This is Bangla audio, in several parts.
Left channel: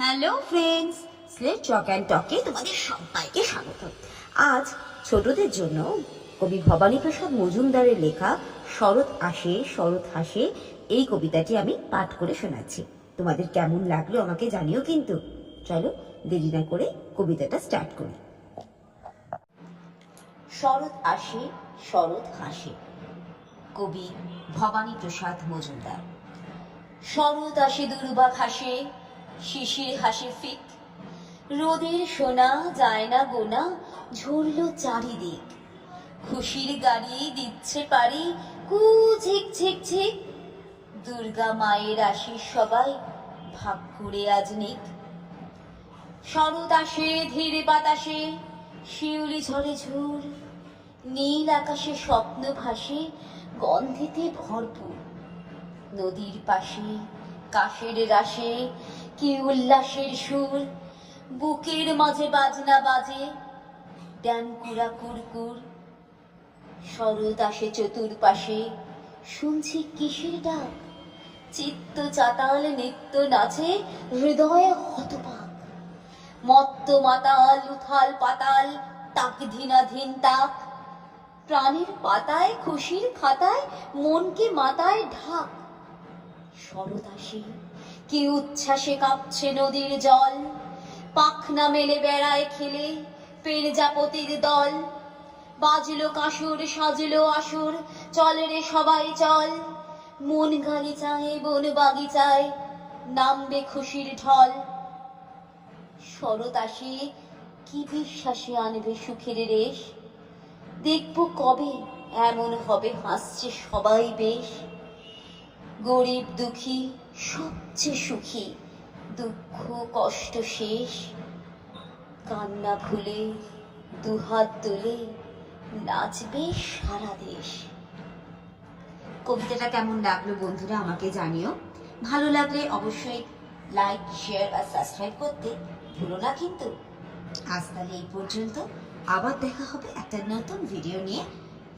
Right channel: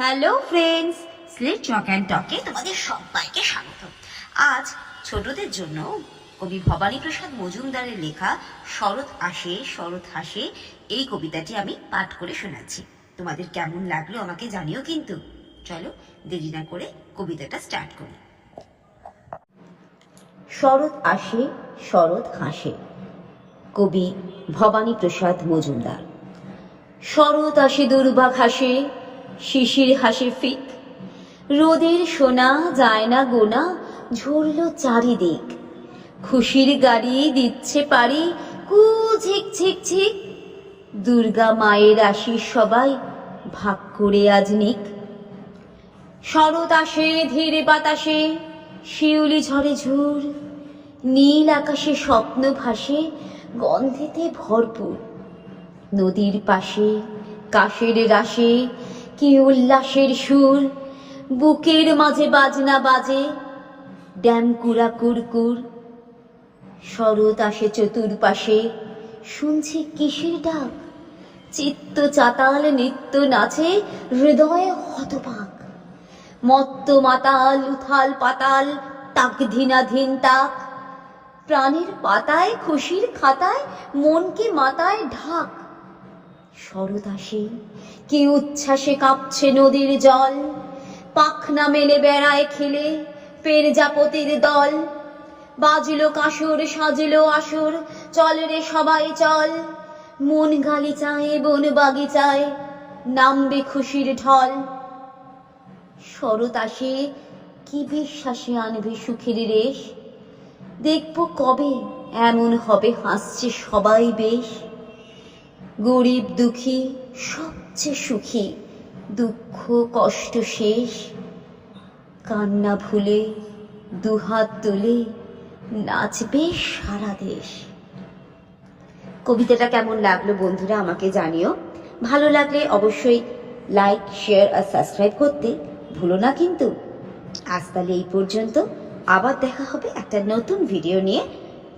Hello friends, slate chalk and টকে তোমাদের সবাইকে স্বাগত। আজ ছোটদের জন্য কবি ভবানীপ্রসাদ মজুমদারের লেখা শরৎ আসে শরৎ হাসে এই কবিতাটি আমি পাঠ করে শোনাচ্ছি। তোমাদের কেমন লাগলো আমাকে জানিও কিন্তু। চলো দেরি না করে কবিতাটা স্টার্ট করি। শরৎ আসে শরৎ হাসে, কবি ভবানীপ্রসাদ মজুমদার। শরৎ আসে দুর্বা ঘাসে, শিশির হাসে ফিক, রোদের সোনা যায় না গোনা, ঝরল চারিদিক। খুশির গাড়ি দিচ্ছে পারি, কু ঝিক ঝিক ঝিক, দুর্গা মায়ের আশিস সবাই ভাগ করে আজ নিক। শরৎ আসে ধীরে বাতাসে, শিউলি ঝরে ঝুর, নীল আকাশে স্বপ্ন ভাসে, গন্ধেতে ভরপুর। নদীর পাশে কাশের রাশে কি উল্লাসের সুর, বুকের মাঝে বাজনা বাজে ড্যাম কুড়া কুরকুর। শরৎ আসে চতুর্পাশে, শুনছি কিসের ডাক, চিত্ত চাতাল নিত্য নাচে, হৃদয় হতবাক। মত্ত মাতাল উথাল পাতাল, তাক ধীনাধীন তাক, প্রাণের পাতায় খুশির খাতায় মনকে মাতায় ঢাক। শরৎ আসে কি উচ্ছ্বাসে কাঁপছে নদীর জল, পাখনা মেলে বেড়ায় খেলে পেরজাপতির দল। বাজলো কাসর সাজলো আসর, চল রে সবাই চল, মন গালিচায় বন বাগিচায় নামবে খুশির ঢল। শরৎ আসে কি বিশ্বাসে আনবে সুখের রেশ, দেখবো কবে এমন হবে হাসছে সবাই বেশ। গরিব দুঃখী সবচেয়ে সুখী, দুঃখ কষ্ট শেষ, কান্না ভুলে দুহাত তুলে নাচবে সারা দেশ। কবিতাটা কেমন লাগলো বন্ধুরা আমাকে জানিও। ভালো লাগলে অবশ্যই লাইক শেয়ার আর সাবস্ক্রাইব করতে ভুলো না কিন্তু। আজ তাহলে এই পর্যন্ত, আবার দেখা হবে একটা নতুন ভিডিও নিয়ে।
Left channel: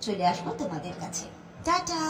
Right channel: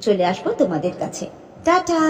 চলে আসবো তোমাদের কাছে। টাটা।